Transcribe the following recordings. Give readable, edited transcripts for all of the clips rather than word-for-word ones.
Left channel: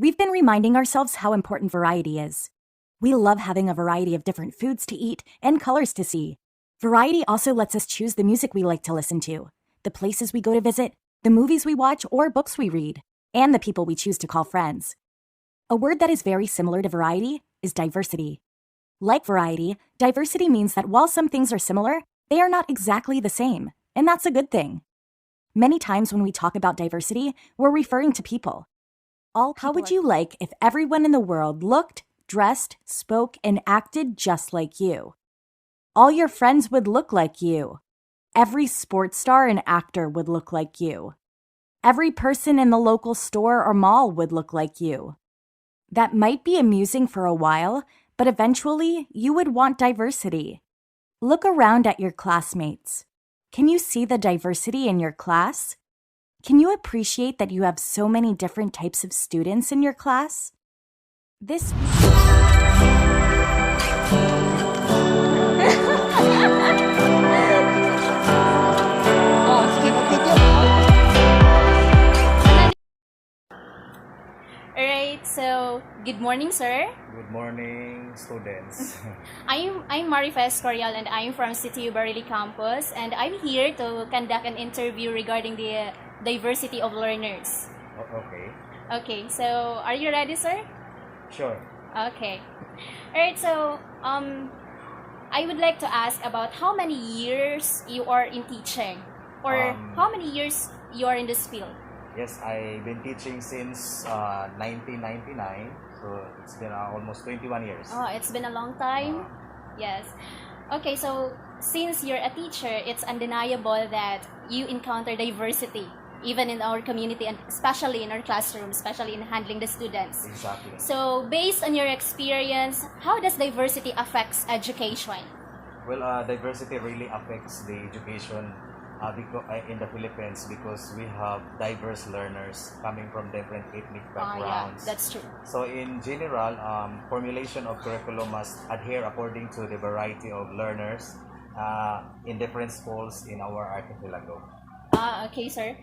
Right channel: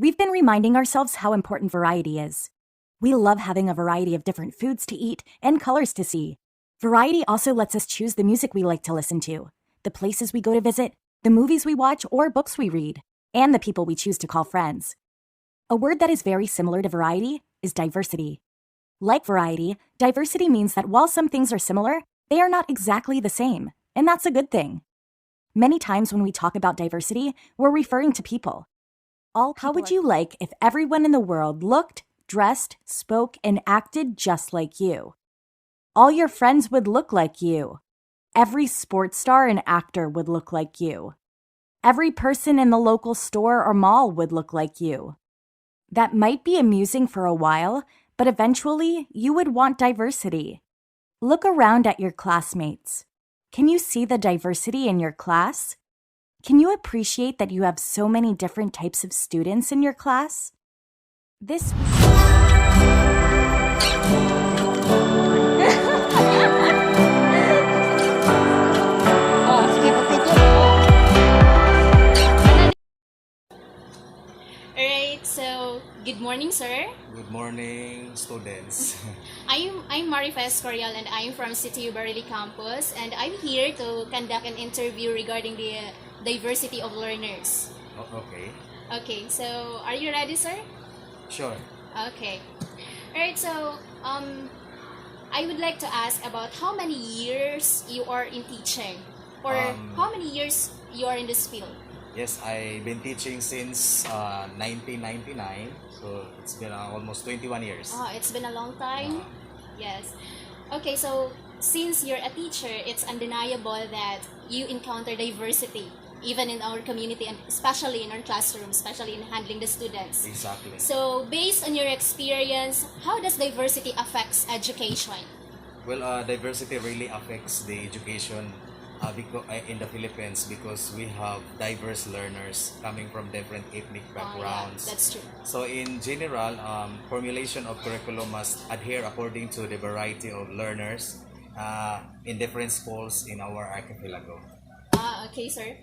We've been reminding ourselves how important variety is. We love having a variety of different foods to eat and colors to see. Variety also lets us choose the music we like to listen to, the places we go to visit, the movies we watch or books we read, and the people we choose to call friends. A word that is very similar to variety is diversity. Like variety, diversity means that while some things are similar, they are not exactly the same, and that's a good thing. Many times when we talk about diversity, we're referring to people. How would you like if everyone in the world looked, dressed, spoke, and acted just like you? All your friends would look like you. Every sports star and actor would look like you. Every person in the local store or mall would look like you. That might be amusing for a while, but eventually you would want diversity. Look around at your classmates. Can you see the diversity in your class? Can you appreciate that you have so many different types of students in your class? This week. Oh, sige, mag-video ako. Alright, so good morning, sir. Good morning, students. I'm Marifes Corial and I'm from City Barili campus, and I'm here to conduct an interview regarding the diversity of learners. Okay, Okay, so are you ready, sir? sure. Okay. Alright, so I would like to ask about how many years you are in teaching, or how many years you are in this field. Yes, I've been teaching since 1999, so it's been almost 21 years. Oh, it's been a long time. Yes. Okay, so since you're a teacher, it's undeniable that you encounter diversity, even in our community and especially in our classroom, especially in handling the students. Exactly. So, based on your experience, how does diversity affects education? Well, diversity really affects the education in the Philippines because we have diverse learners coming from different ethnic Yeah, backgrounds. that's true. So in general, formulation of curriculum must adhere according to the variety of learners in different schools in our archipelago. Okay, sir.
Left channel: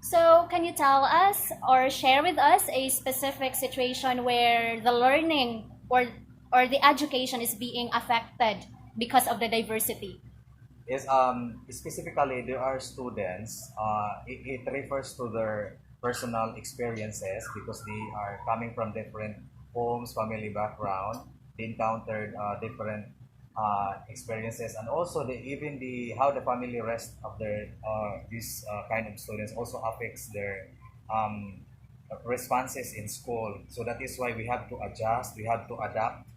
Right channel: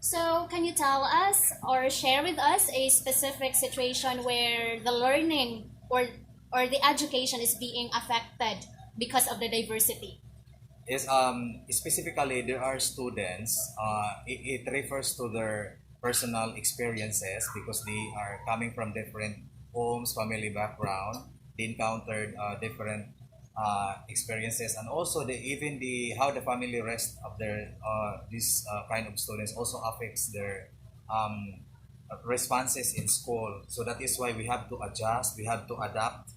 So, can you tell us or share with us a specific situation where the learning or the education is being affected because of the diversity? Is specifically there are students. It refers to their personal experiences because they are coming from different homes, family background. They encountered different experiences, and also even the how the family rest of their these kind of students also affects their um, responses in school. So that is why we have to adjust, we have to adapt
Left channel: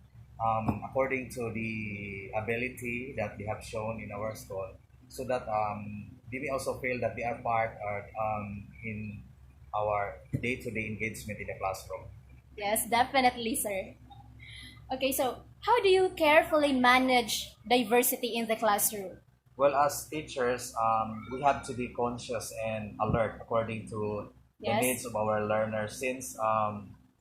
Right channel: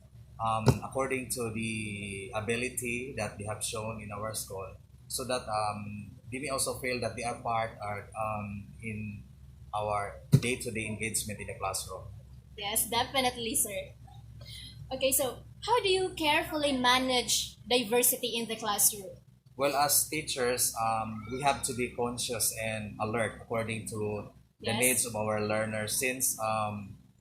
according to the ability that they have shown in our school, so that they may also feel that they are part in our day-to-day engagement in the classroom. Yes, definitely, sir. Okay, so how do you carefully manage diversity in the classroom? Well, as teachers, we have to be conscious and alert according to the Yes. needs of our learners since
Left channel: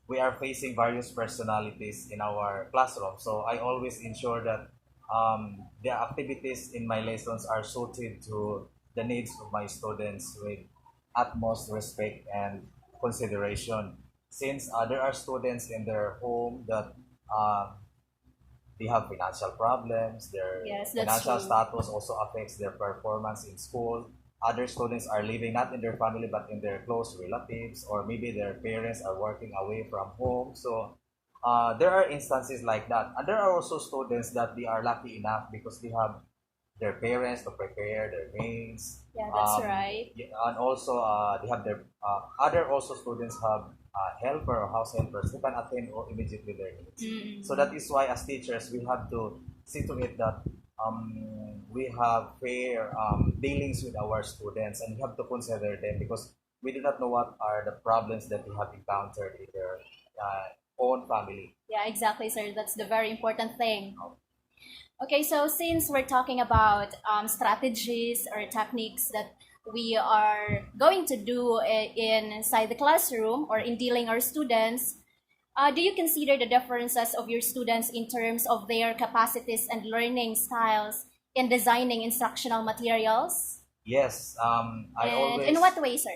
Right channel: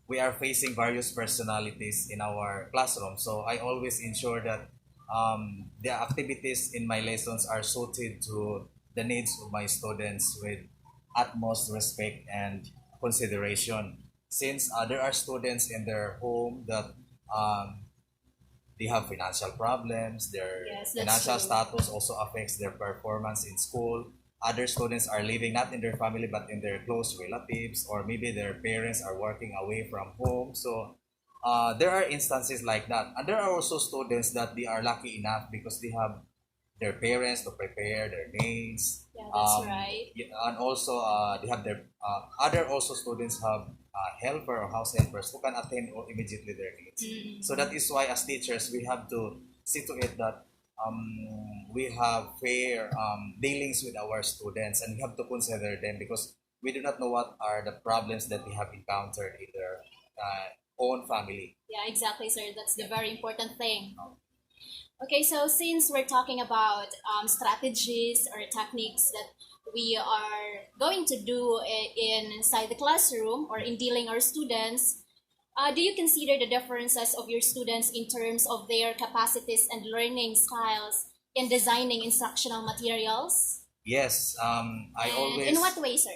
we are facing various personalities in our classroom. So I always ensure that the activities in my lessons are suited to the needs of my students with utmost respect and consideration. Since there are students in their home that um, they have financial problems, their Yes, that's financial true. status also affects their performance in school. Other students are living not in their family but in their close relatives, or maybe their parents are working away from home. So there are instances like that. And there are also students that they are lucky enough because they have their parents to prepare their needs. Yeah, that's right. Yeah, and also they have their other also students have helper or house helpers who can attend immediately their needs. So that is why as teachers we have to see to it that we have fair dealings with our students, and we have to consider them because we do not know what are the problems that they have encountered in their own family. Yeah, exactly, sir. That's the very important thing. Okay, so since we're talking about strategies or techniques that we are going to do inside the classroom or in dealing our students, do you consider the differences of your students in terms of their capacities and learning styles in designing instructional materials? Yes, I And always in what way, sir?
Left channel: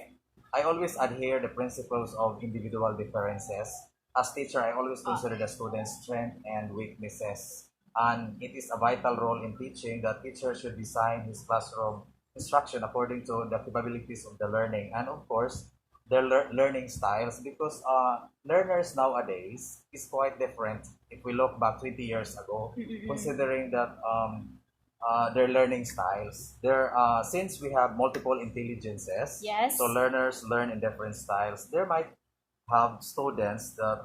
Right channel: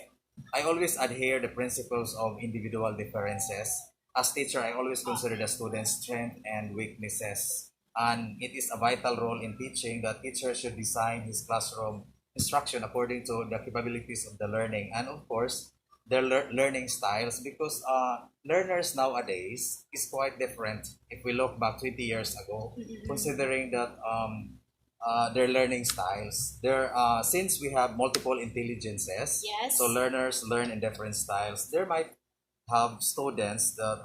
I always adhere the principles of individual differences. As teacher, I always consider the students' strength and weaknesses. And it is a vital role in teaching that teacher should design his classroom instruction according to the capabilities of the learning and of course their learning styles because learners nowadays is quite different if we look back 20 years ago considering that their learning styles. There, since we have multiple intelligences, Yes. so learners learn in different styles. There might have students that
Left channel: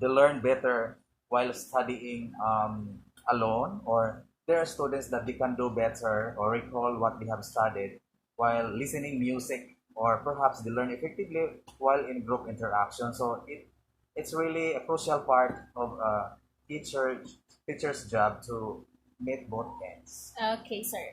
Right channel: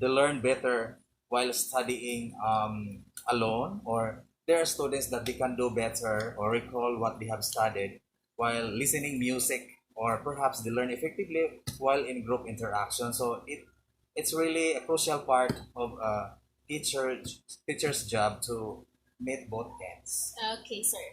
they learn better while studying alone, or there are students that they can do better or recall what they have studied while listening music, or perhaps they learn effectively while in group interaction. So it's really a crucial part of teacher's job to meet both ends. Okay, sir.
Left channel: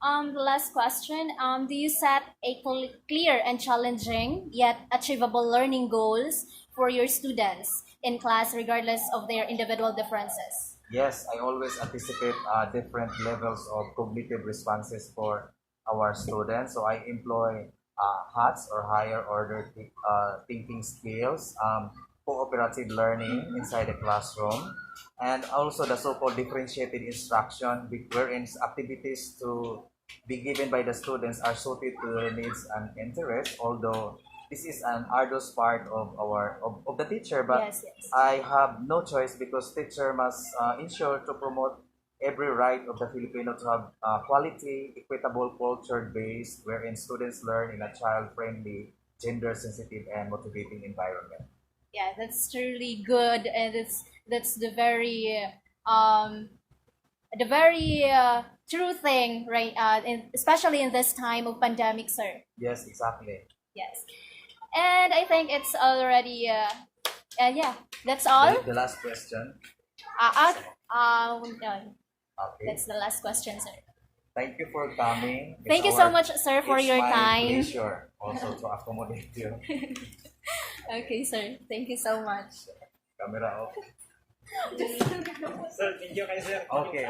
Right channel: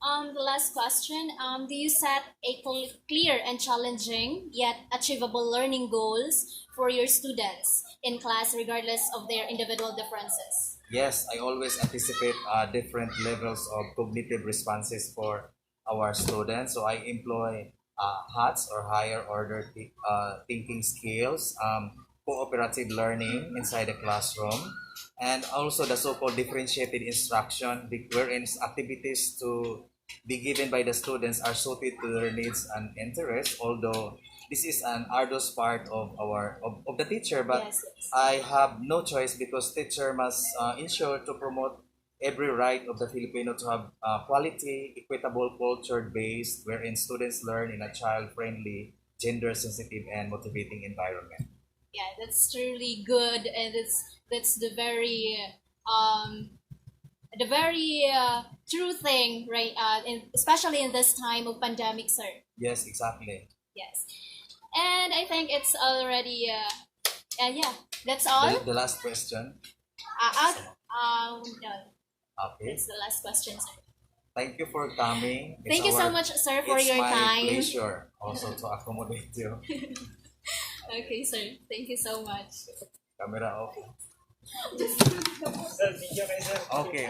The last question. Do you set a clear and challenging yet achievable learning goals for your students in class, regardless of their individual differences? Yes, I always anticipate different levels of cognitive responses for our students. So I employ HATS or higher order thinking skills, cooperative learning inside the classroom, and also the so-called differentiated instruction, wherein activities to be given by the students are suited to their needs and interests. Although this is an arduous part of of the teacher, but Yes, yes. I have no choice because teacher must ensure to promote every right of the Filipino to have quality, equitable, culture-based, wherein students learn in a child-friendly, gender-sensitive, and motivating environment. Yeah, that's truly good, and that's um the very true thing, right? Especially in this time of pandemic, sir. Yes, exactly. Yes, and I think it's already and yeah, that's all. The last question. No, Okay. that's the last question, sir. Thank you for coming. Thank you so much, sir, for it's your my time. pleasure also to accommodate you. Okay, sir. Thank you so much. Camera off. Sir, video kayo, sir. Okay.